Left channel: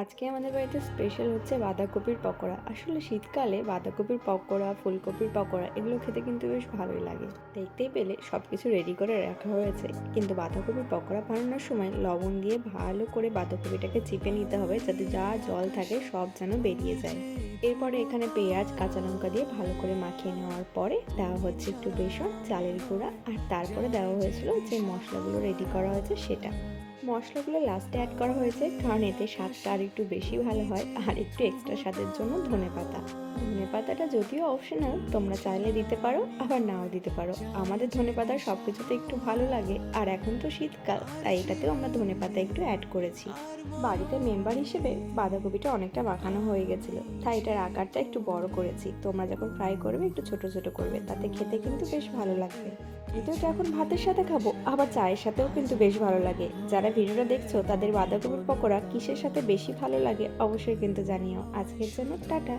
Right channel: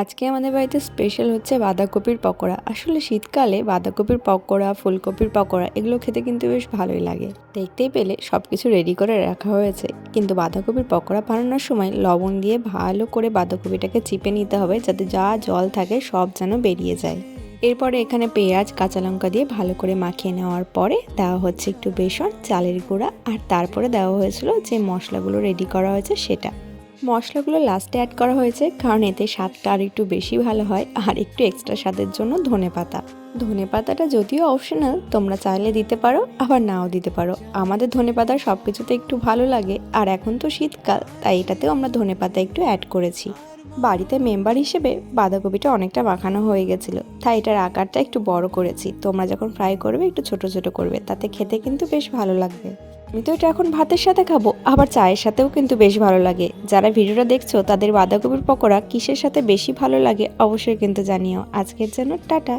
আজকে আমাদের বাড়িতে স্পেশাল হচ্ছে বাঁধাকপির পকোড়া। আসলে শীতকালে বাঁধাকপির পকোড়া, ফুলকপির পকোড়া এগুলো খেতে কিন্তু বেশ ভালোই লাগে। দেখতেই পেলে সবকিছু রেডি করে রাখা হয়েছে, কিন্তু বাঁধাকপির পকোড়া বানানোর সময় লবণ দিয়ে ভালো করে বাঁধাকপিটাকে চিপে নিতে হবে, যাতে যা জল থাকে সব যেন বেরিয়ে যায়। এরপরে এখানে পেঁয়াজ, কাঁচা লঙ্কা দিয়ে ভালো করে মাখিয়ে নেওয়ার পরে দেওয়া হচ্ছে একটু বেসন, চালের গুঁড়া, আর তারপরে দেওয়া হয়েছিল যে মশলাগুলো রেডি করা হয়েছে সেটা। মশলাগুলো লাস্টে অ্যাড করা হয়েছে কারণ এতে স্বাদটা আর একটু বেশি ভালো হয়, আর একটু এক্সট্রা স্বাদের জন্য ধনেপাতা। ধনেপাতাটা যদিও অপশনাল, তোমরা চাইলে দিতে পারো আবার নাও দিতে পারো। আমাদের ধনেপাতা সব কিছুতে একটু ভালো লাগে, আর এখন তো শীতকাল, তাই এটাতেও আমরা ধনেপাতা একটু অ্যাড করেছি। বাড়িতে মেম্বার হিসেবে বাঁধাকপিটা অনেকটা মাখানো হয়ে গেছিলো, তাই এটার আকারটা একটু বড় করেছি। তোমরা যখন ফ্রাই করবে একটু ছোট ছোট করবে, তাতে খেতে কিন্তু বেশ ভালো লাগবে। আমি তো এটা এখন ভাতের সাথে খাবো, আবার চায়ের সাথেও কিন্তু বেশ ভালো লাগে। যারা ভিডিওটা দেখছো তাদের বাঁধাকপির পকোড়া কিসের সাথে বেশি ভালো লাগে অবশ্যই কিন্তু জানিও। আজকের জন্য টাটা।